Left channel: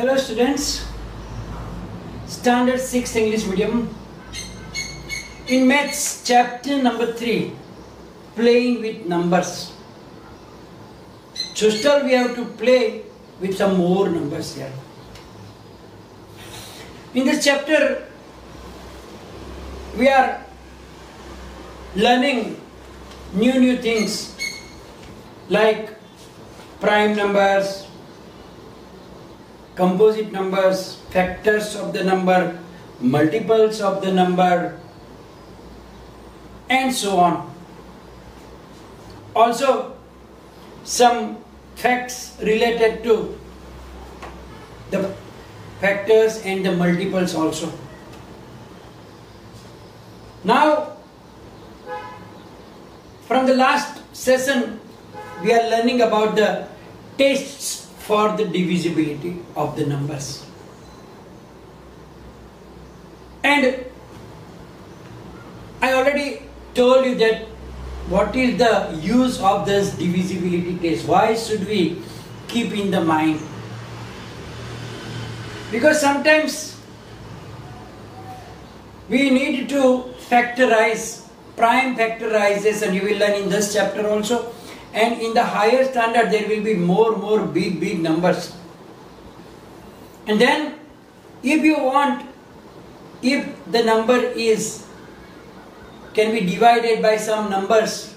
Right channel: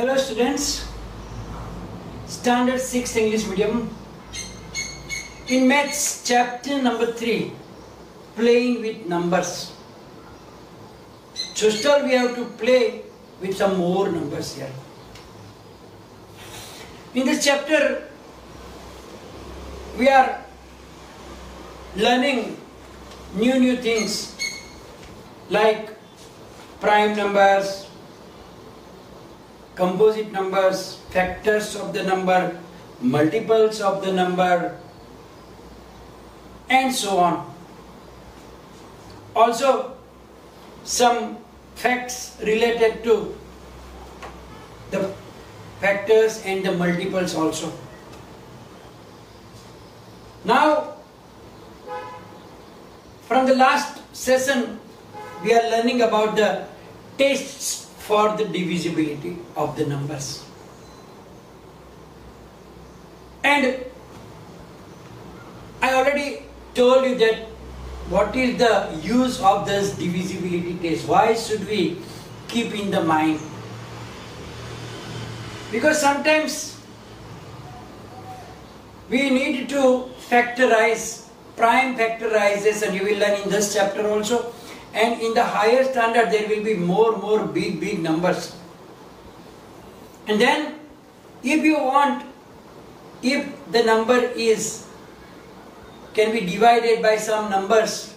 Hello students, Standard 6 English Medium. In Maths chapter number 3, playing with numbers. So still we have to play with some more numbers here. In this chapter, we are learning new things like prime numbers, composite numbers, factors of the number, multiples of the number, and so on. Also, some facts related to the factors and the multiples also. Now, from the last session, we are learning about the tests for the divisibility of the numbers. And I already told you that what is the use of this divisibility test? Why should we keep in the mind? Because sometimes we need to factorize, prime factorization. You will learn in this chapter also. And in the higher standard, there will be more big numbers. And then, if you want, if the number can be divided by some numbers,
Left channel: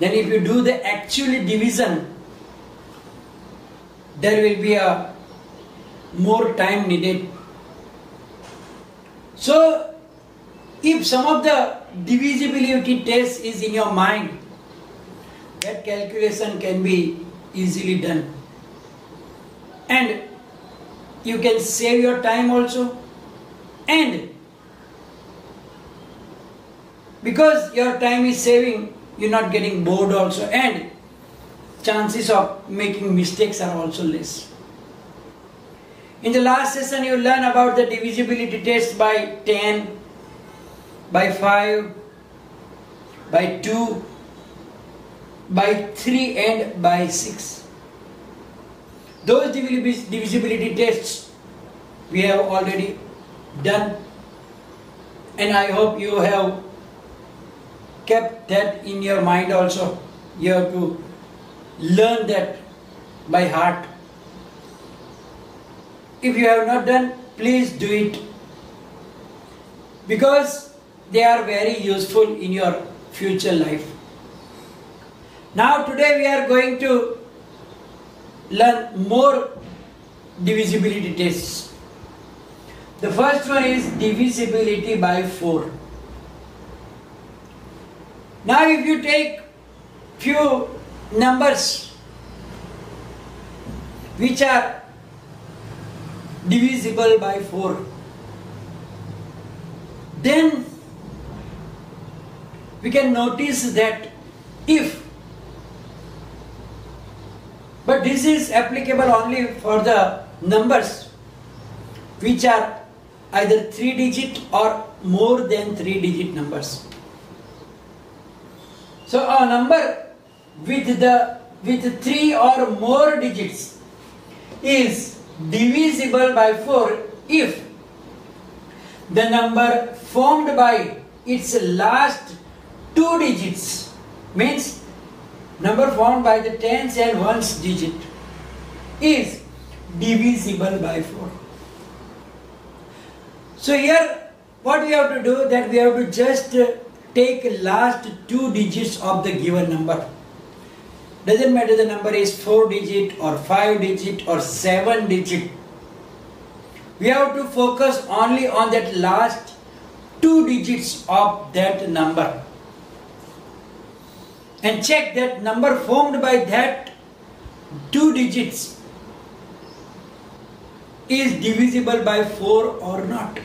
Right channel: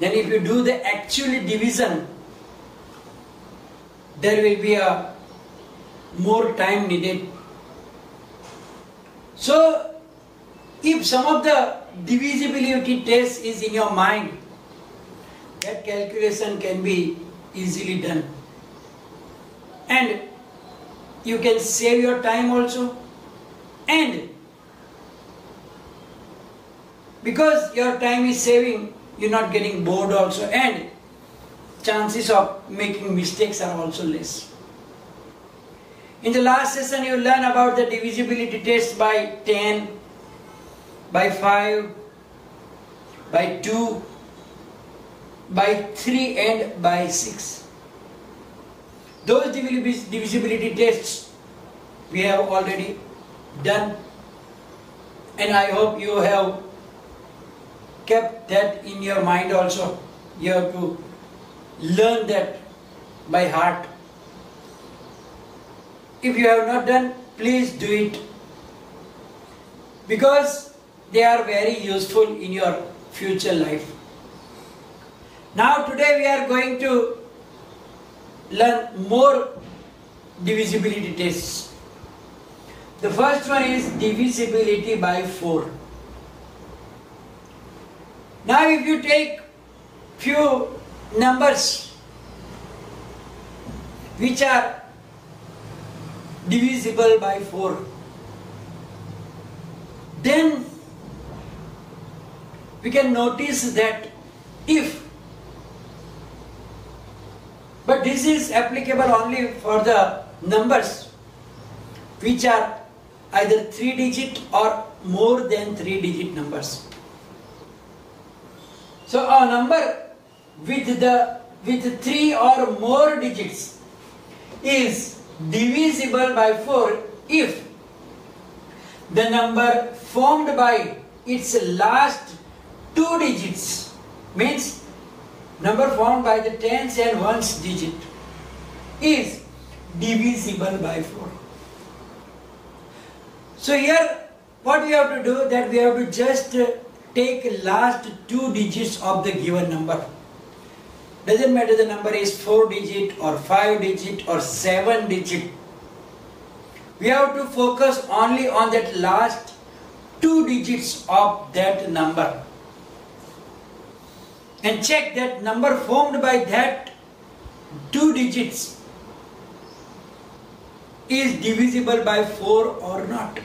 then if you do the actual division, there will be a more time needed. So, if some of the divisibility test is in your mind, that calculation can be easily done. And you can save your time also. And because your time is saving, you're not getting bored also. And chances of making mistakes are also less. In the last session, you learn about the divisibility test by 10, by 5, by 2, by 3 and by 6. Those divisibility tests we have already done, and I hope you have kept that in your mind also. You have to learn that by heart. If you have not done, please do it, because they are very useful in your future life. Now today we are going to learn more divisibility tests. The first one is divisibility by 4. Now if you take few numbers which are divisible by 4, then we can notice that but this is applicable only for the numbers which are either 3-digit or more than 3-digit numbers. So a number with 3 or more digits is divisible by 4 if the number formed by its last 2 digits, means number formed by the tens and ones digit, is divisible by 4. So here what we have to do, that we have to just take last 2 digits of the given number. Doesn't matter the number is 4 digit or 5 digit or 7 digit. We have to focus only on that last 2 digits of that number. And check that number formed by that 2 digits is divisible by 4 or not.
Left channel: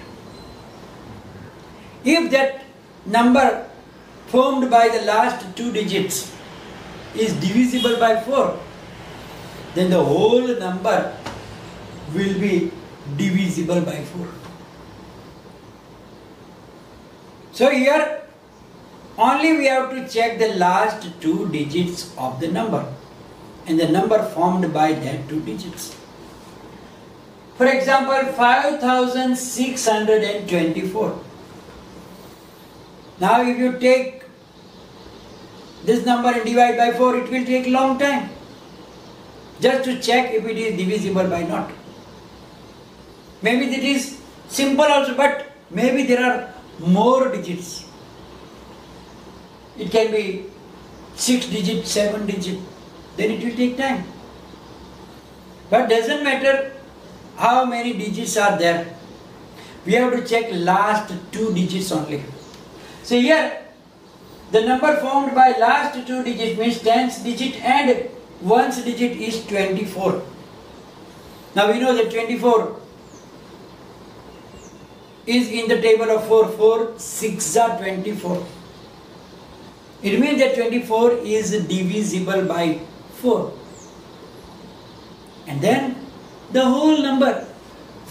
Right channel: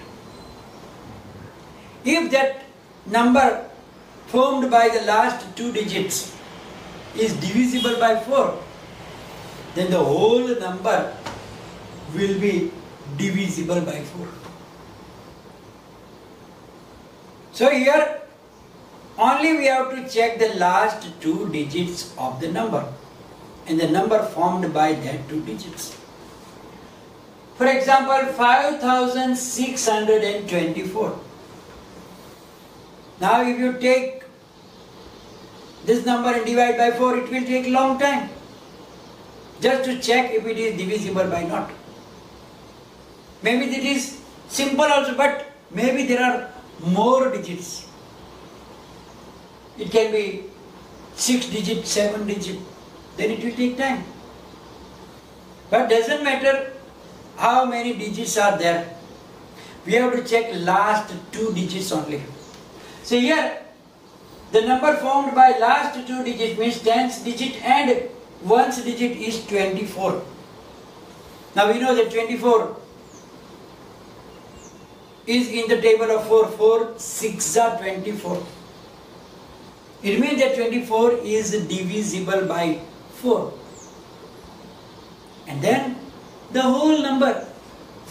If that number formed by the last 2 digits is divisible by 4, then the whole number will be divisible by 4. So here only we have to check the last 2 digits of the number and the number formed by that 2 digits. For example, 5624. Now if you take this number and divide by 4, it will take a long time just to check if it is divisible by not. Maybe it is simple also, but maybe there are more digits. It can be 6 digit, 7 digit, then it will take time. But doesn't matter how many digits are there. We have to check last 2 digits only. So here, the number formed by last 2 digits means 10th digit and 1st digit is 24. Now we know that 24 is in the table of 4. 4, 6 are 24. It means that 24 is divisible by 4. And then the whole number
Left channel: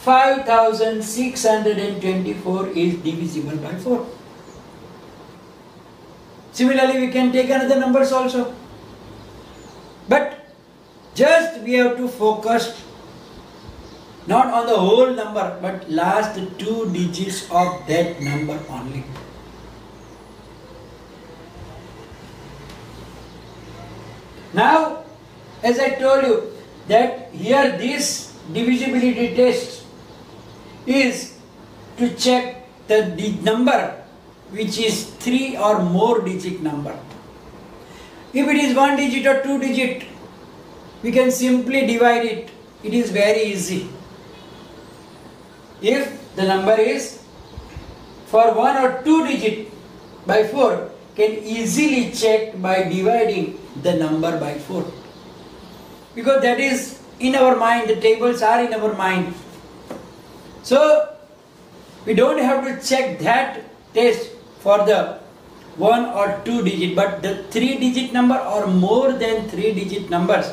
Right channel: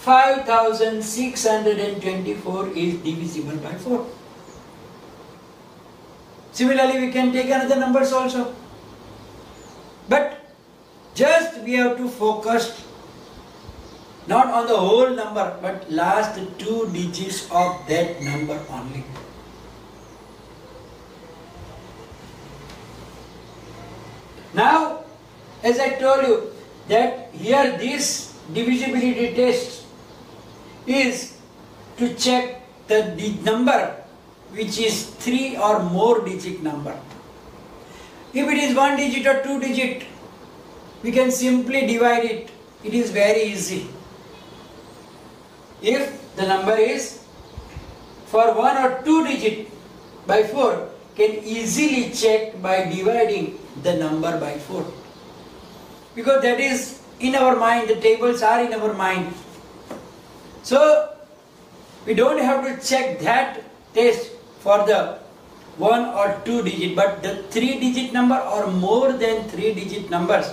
5624 is divisible by 4. Similarly, we can take another numbers also. But just we have to focus not on the whole number, but last 2 digits of that number only. Now, as I told you, that here this divisibility test is to check the number which is 3 or more digit number. If it is 1 digit or 2 digit, we can simply divide it. It is very easy. If the number is for 1 or 2 digit by 4, can easily check by dividing the number by 4. Because that is in our mind, the tables are in our mind. So, we don't have to check that test for the 1 or 2 digit, but the 3 digit number or more than 3 digit numbers,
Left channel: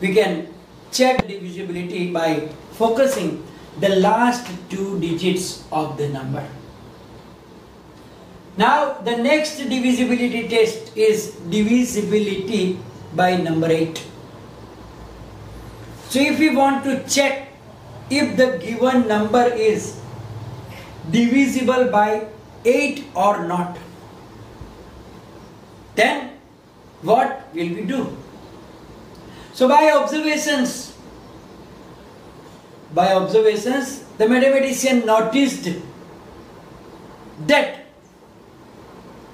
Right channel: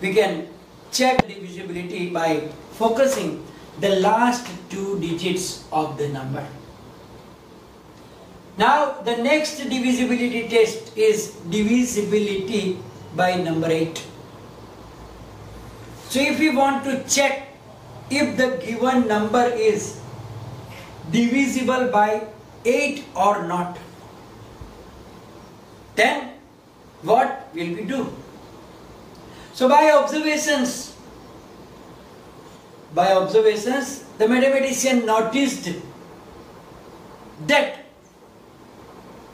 we can check divisibility by focusing the last 2 digits of the number. Now, the next divisibility test is divisibility by number 8. So, if we want to check if the given number is divisible by 8 or not, then what will we do? So, by observations, the mathematician noticed that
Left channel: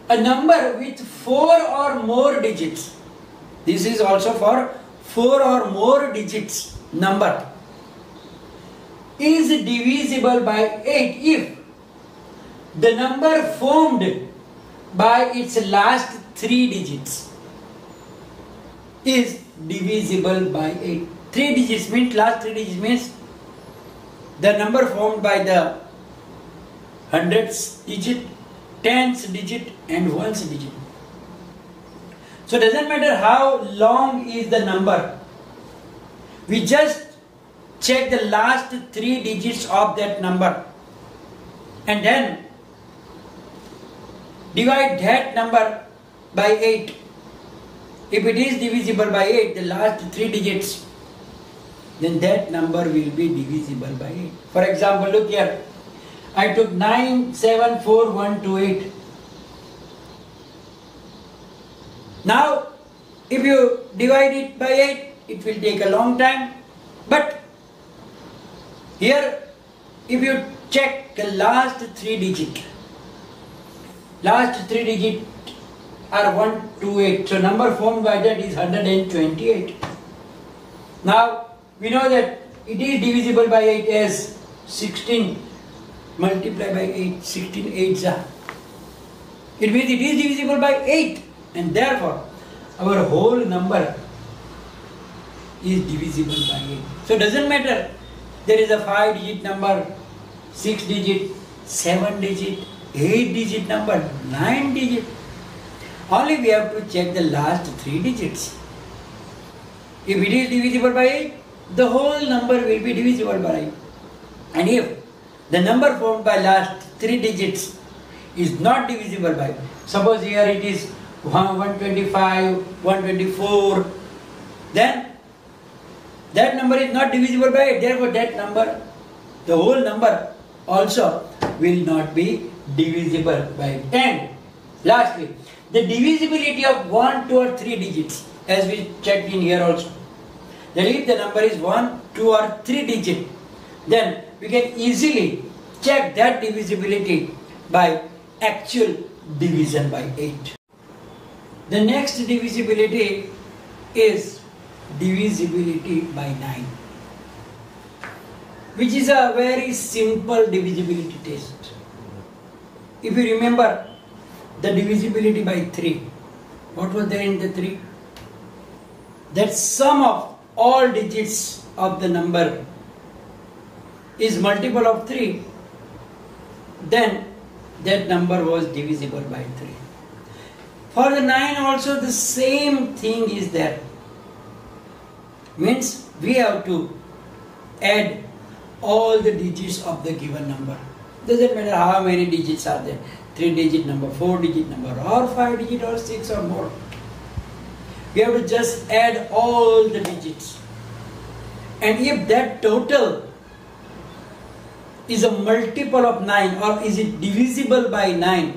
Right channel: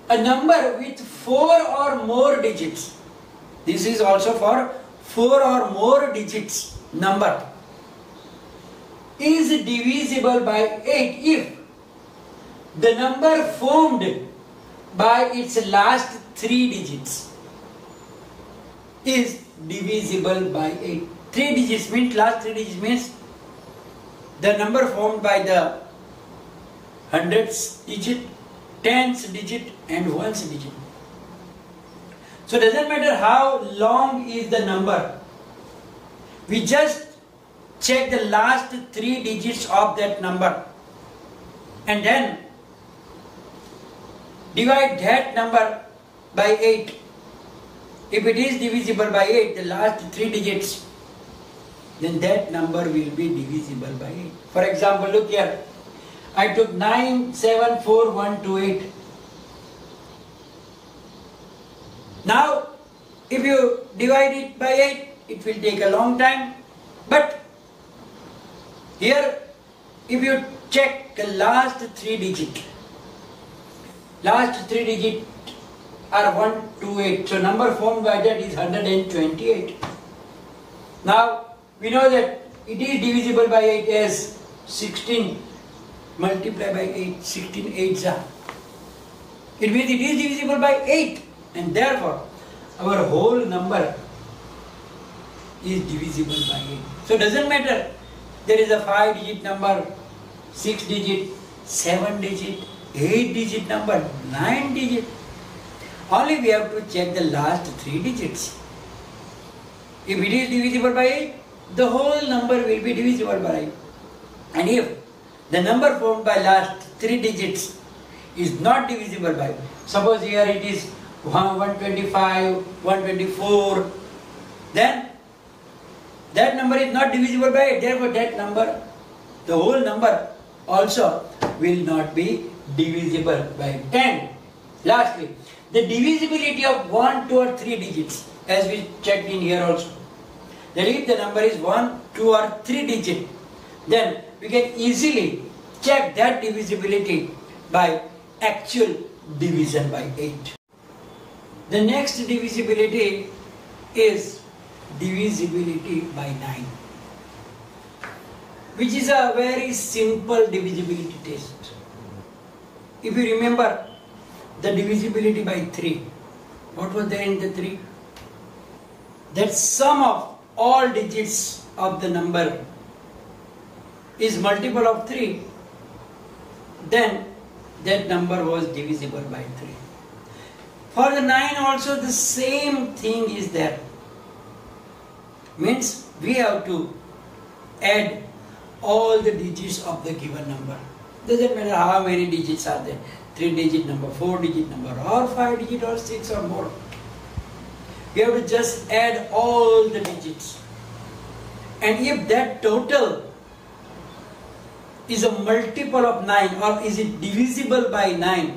a number with 4 or more digits, this is also for 4 or more digits number, is divisible by 8 if the number formed by its last 3 digits is divisible by 8. 3 digits means, last 3 digits means the number formed by the 100th digit, 10th digit and 1st digit. So it doesn't matter how long is the number. We just check the last 3 digits of that number and then divide that number by 8. If it is divisible by 8, the last 3 digits, then that number will be divisible by 8. For example, look here. I took 974128. Now, if you divide it by 8, it will take a long time. But here, if you check the last 3 digits, last 3 digits are 128. So, number formed by that is 128. Now, we know that it is divisible by 8 as 16 multiplied by 8, 16 8s are. It means it is divisible by 8 and therefore our whole number is divisible by 8. So it doesn't matter there is a 5 digit number, 6 digit, 7 digit, 8 digit number, 9 digit. Only we have to check the last 3 digits. If it is divisible by 8, the whole number will be divisible by 8. And if the number formed by last 3 digits is not divisible by, suppose here it is 125, 124, then that number is not divisible by 8. Therefore, that number, the whole number also will not be divisible by 8. And lastly, the divisibility of 1, 2 or 3 digits, as we checked in here also. That if the number is 1, 2 or 3 digit, then we can easily check that divisibility by actual division by 8. The next divisibility is divisibility by 9, which is a very simple divisibility test. If you remember the divisibility by 3, what was there in the 3? That sum of all digits of the number is multiple of 3, then that number was divisible by 3. For the 9 also the same thing is there. Means we have to add all the digits of the given number. Doesn't matter how many digits are there. 3-digit number, 4-digit number, or 5-digit or 6 or more. We have to just add all the digits. And if that total is a multiple of 9 or is it divisible by 9,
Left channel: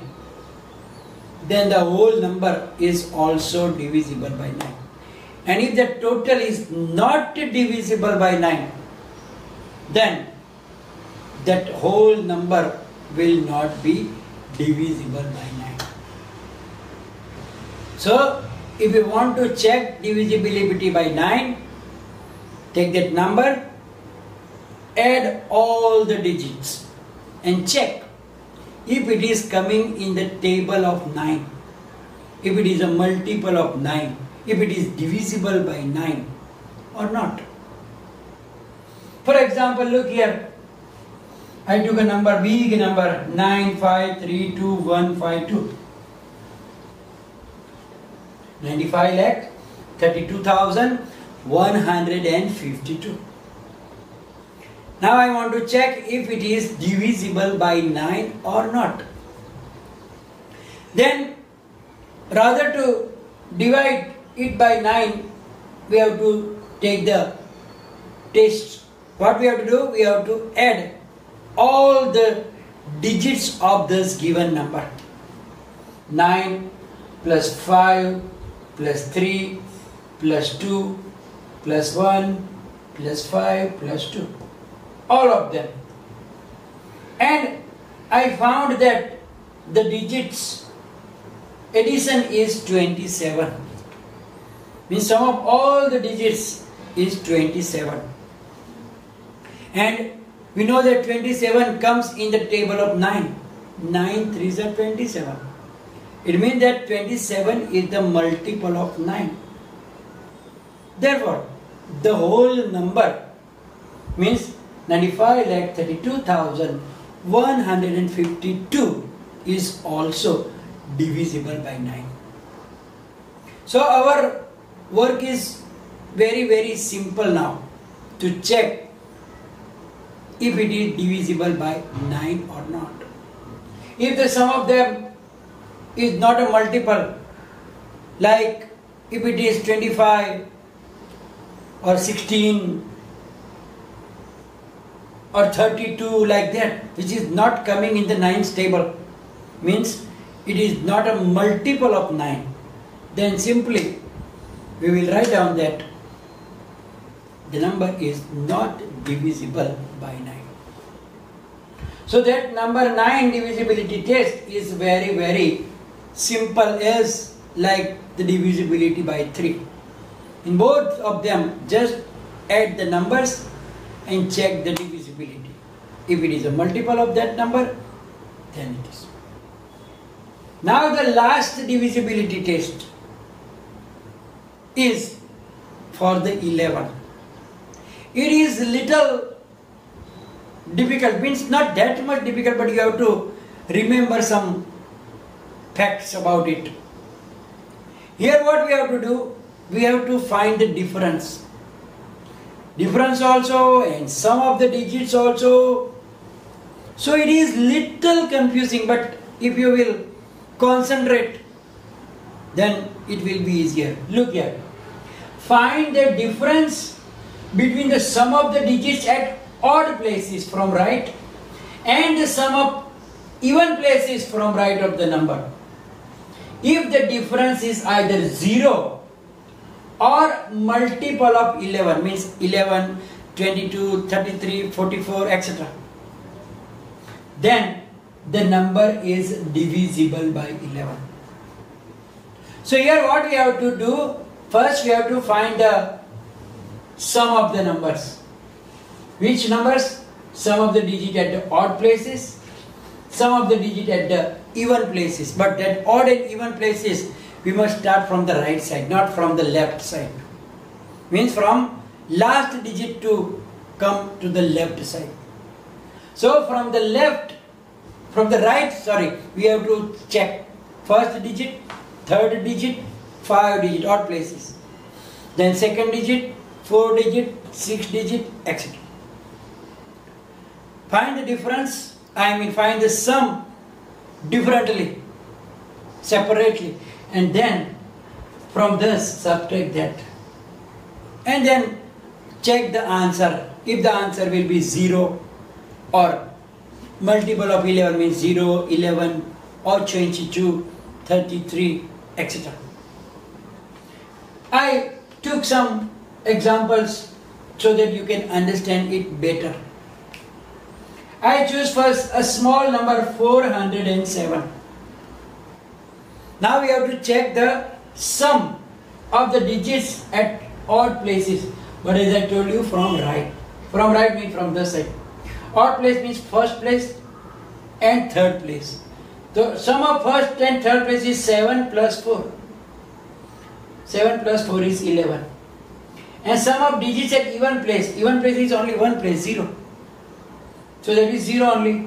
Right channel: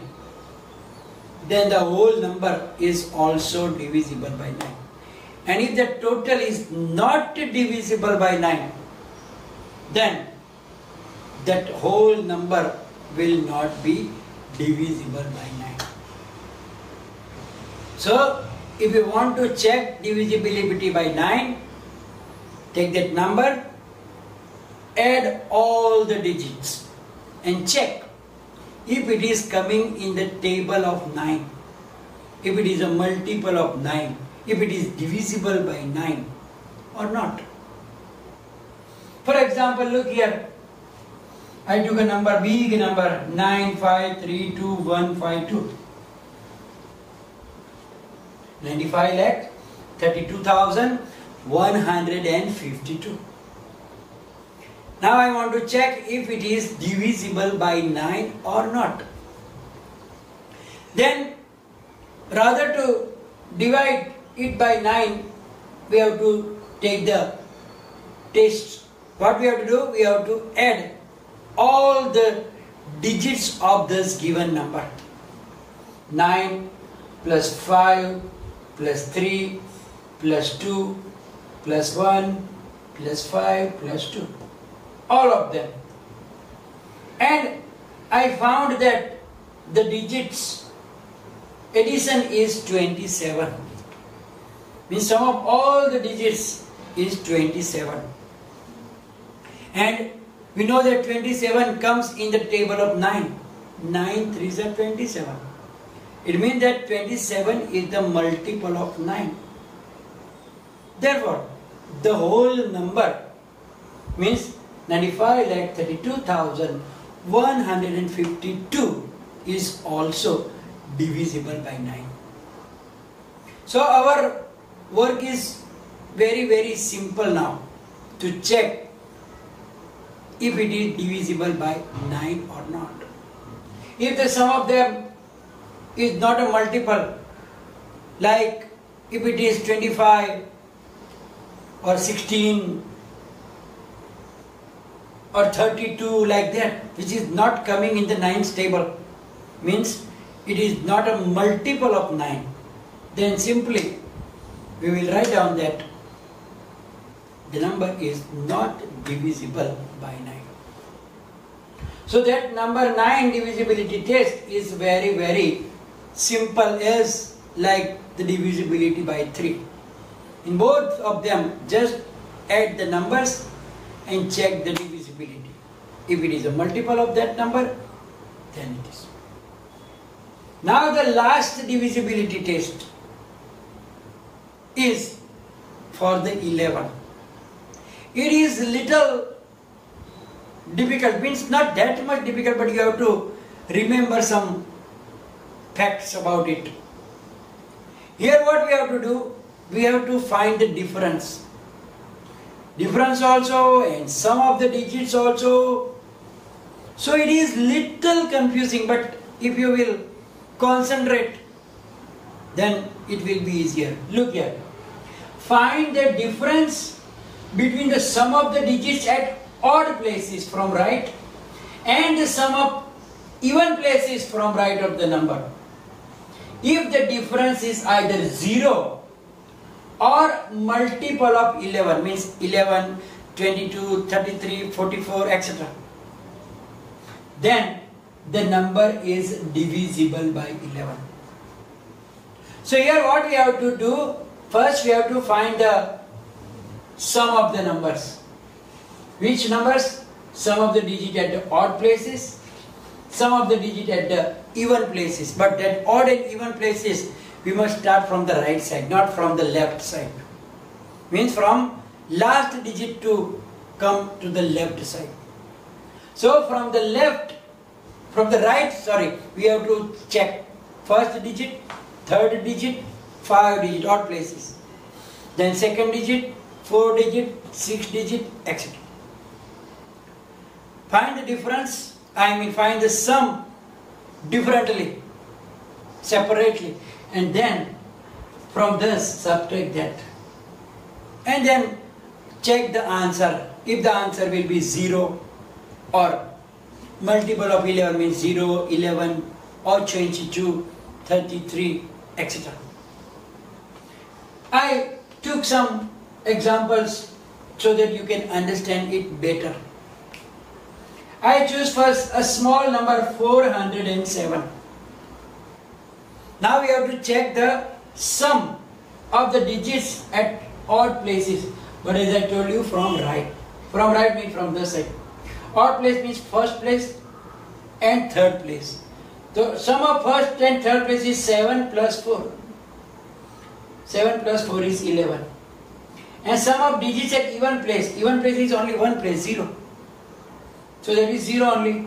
then the whole number is also divisible by 9. And if the total is not divisible by 9, then that whole number will not be divisible by 9. So, if you want to check divisibility by 9, take that number, add all the digits and check if it is coming in the table of 9, if it is a multiple of 9, if it is divisible by 9 or not. For example, look here. I took a number, big number, 9532,152. 95,32,152. Now I want to check if it is divisible by 9 or not. Then, rather to divide it by 9, we have to take the test. What we have to do? We have to add all the digits of this given number. 9 plus 5 plus 3 plus 2 plus 1 plus 5 plus 2. All of them. And I found that the digits addition is 27. Means sum of all the digits is 27. And we know that 27 comes in the table of 9. 9 3s are 27. It means that 27 is the multiple of 9. Therefore, the whole number means 95,32,152 is also divisible by 9. So our work is very simple now to check if it is divisible by 9 or not. If the sum of them is not a multiple, like if it is 25 or 16 or 32 like that, which is not coming in the 9's table, means it is not a multiple of 9, then simply we will write down that the number is not divisible by 9. So that number 9 divisibility test is very simple, as like the divisibility by 3. In both of them, just add the numbers and check the divisibility. If it is a multiple of that number, then it is. Now the last divisibility test is for the 11. It is little difficult, means not that much difficult, but you have to remember some facts about it. Here what we have to do, we have to find the difference. Difference also and sum of the digits also. So it is little confusing, but if you will concentrate, then it will be easier. Look here. Find the difference between the sum of the digits at odd places from right and the sum of even places from right of the number. If the difference is either 0 or multiple of 11, means 11, 22, 33, 44, etc., then the number is divisible by 11. So here what we have to do, first we have to find the sum of the numbers. Which numbers? Sum of the digit at the odd places, sum of the digit at the even places. But that odd and even places, we must start from the right side, not from the left side. Means from last digit to come to the left side. So from the right, we have to check first digit, third digit, 5 digit, odd places. Then second digit, 4 digit, 6 digit, etc. Find the difference, find the sum differently, separately, and then from this subtract that. And then check the answer. If the answer will be 0 or multiple of 11 means 0, 11 or 22, 33, etc. I took some examples so that you can understand it better. I choose first a small number 407. Now we have to check the sum of the digits at odd places. But as I told you, from right. From right means from this side. Odd place means first place and third place. The sum of first and third place is 7 plus 4. 7 plus 4 is 11. And sum of digits at even place. Even place is only one place, 0. So that is 0 only.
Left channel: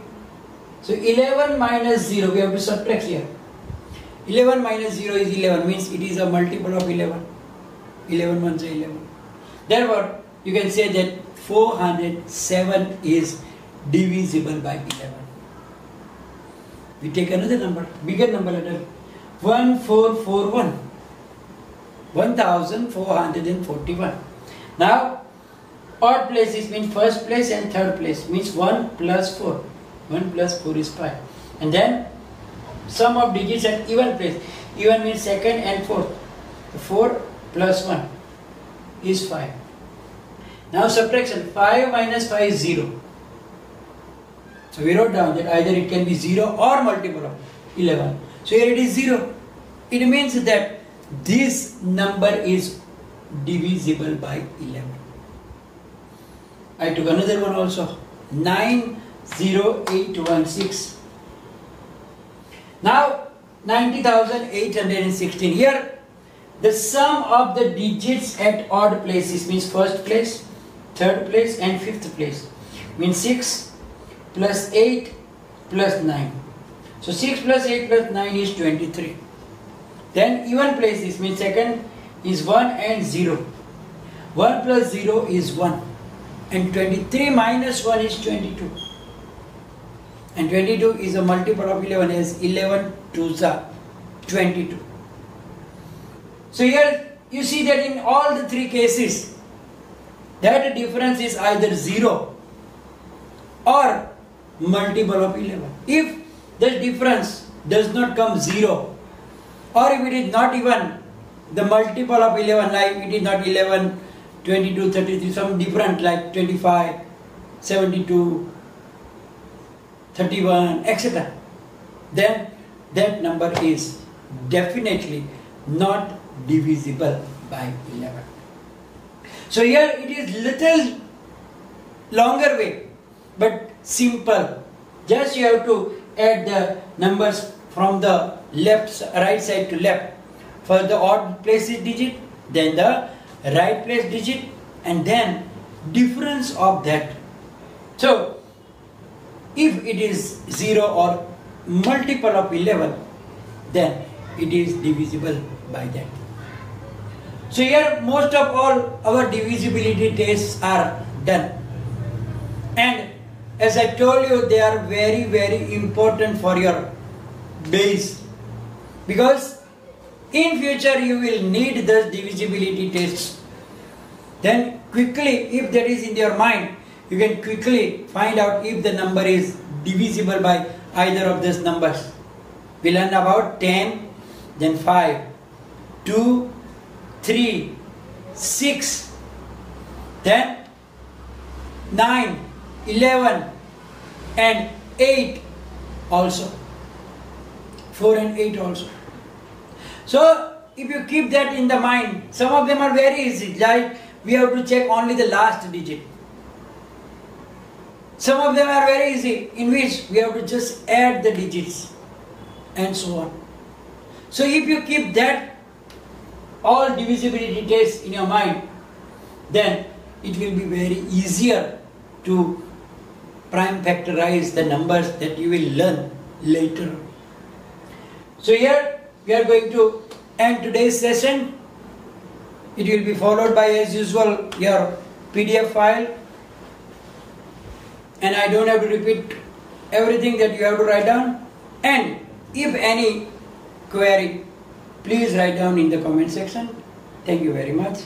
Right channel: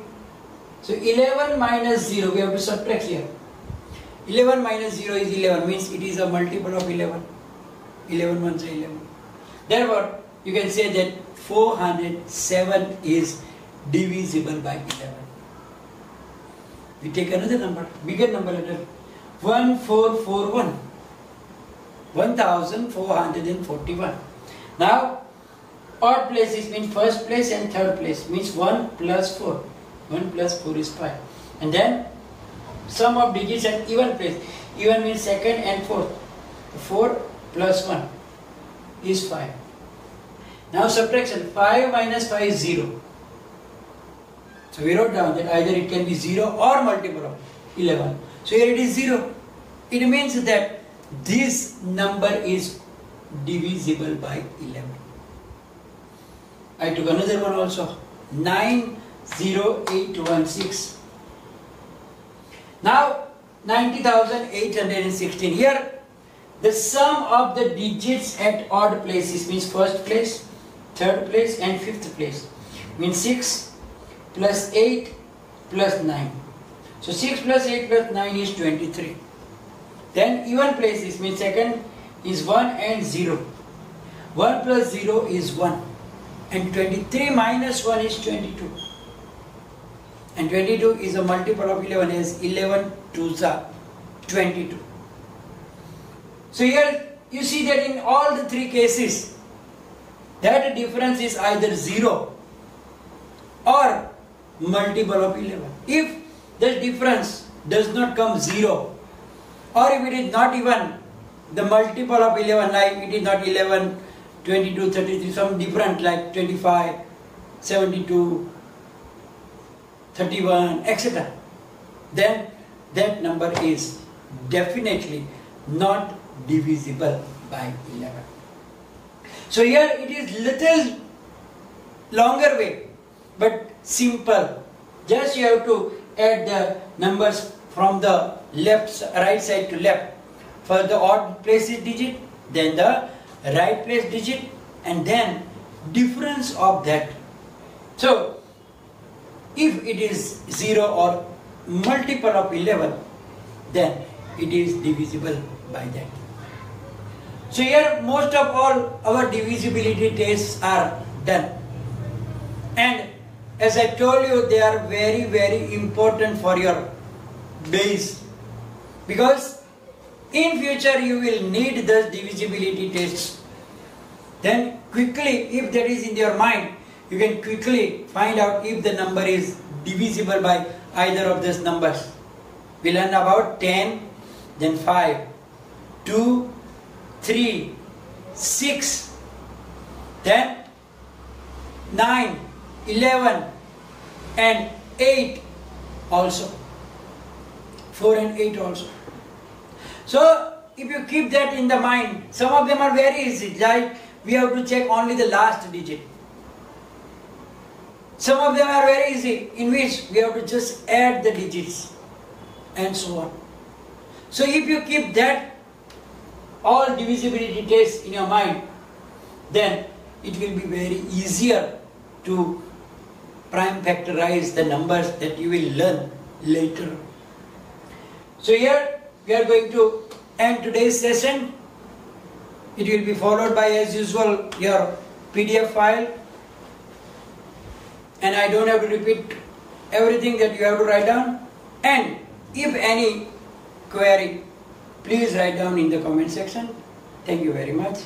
So 11 minus 0, we have to subtract here. 11 minus 0 is 11, means it is a multiple of 11. 11 ones are 11. Therefore, you can say that 407 is divisible by 11. We take another number, bigger number, 1441. 1441. Now, odd places means first place and third place, means 1 plus 4. 1 plus 4 is 5. And then sum of digits at even place. Even means second and fourth. 4 plus 1 is 5. Now subtraction. 5 minus 5 is 0. So we wrote down that either it can be 0 or multiple of 11. So here it is 0. It means that this number is divisible by 11. I took another one also. 90816. Now 90,816. Here the sum of the digits at odd places means first place, third place and fifth place. Means 6 plus 8 plus 9. So 6 plus 8 plus 9 is 23. Then even places means second is 1 and 0. 1 plus 0 is 1. And 23 minus 1 is 22. And 22 is a multiple of 11, as 11 2s are 22. So here you see that in all the three cases, that difference is either 0 or multiple of 11. If the difference does not come 0, or if it is not even the multiple of 11, like it is not 11, 22, 33, some different like 25, 72, 31, etc., then that number is definitely not divisible by 11. So here it is little longer way, but simple. Just you have to add the numbers from the right side to left. For the odd places digit, then the right place digit, and then difference of that. So if it is 0 or multiple of 11, then it is divisible by that. So here most of all our divisibility tests are done. And as I told you, they are very, very important for your base. Because in future you will need the divisibility tests. Then quickly, if that is in your mind, you can quickly find out if the number is divisible by either of these numbers. We learn about 10, then 5, 2, 3, 6, then 9, 11 and 8 also. 4 and 8 also. So, if you keep that in the mind, some of them are very easy. Like we have to check only the last digit. Some of them are very easy, in which we have to just add the digits and so on. So if you keep that all divisibility tests in your mind, then it will be very easier to prime factorize the numbers that you will learn later. So here we are going to end today's session. It will be followed by, as usual, your PDF file. And I don't have to repeat everything that you have to write down. And if any query, please write down in the comment section. Thank you very much.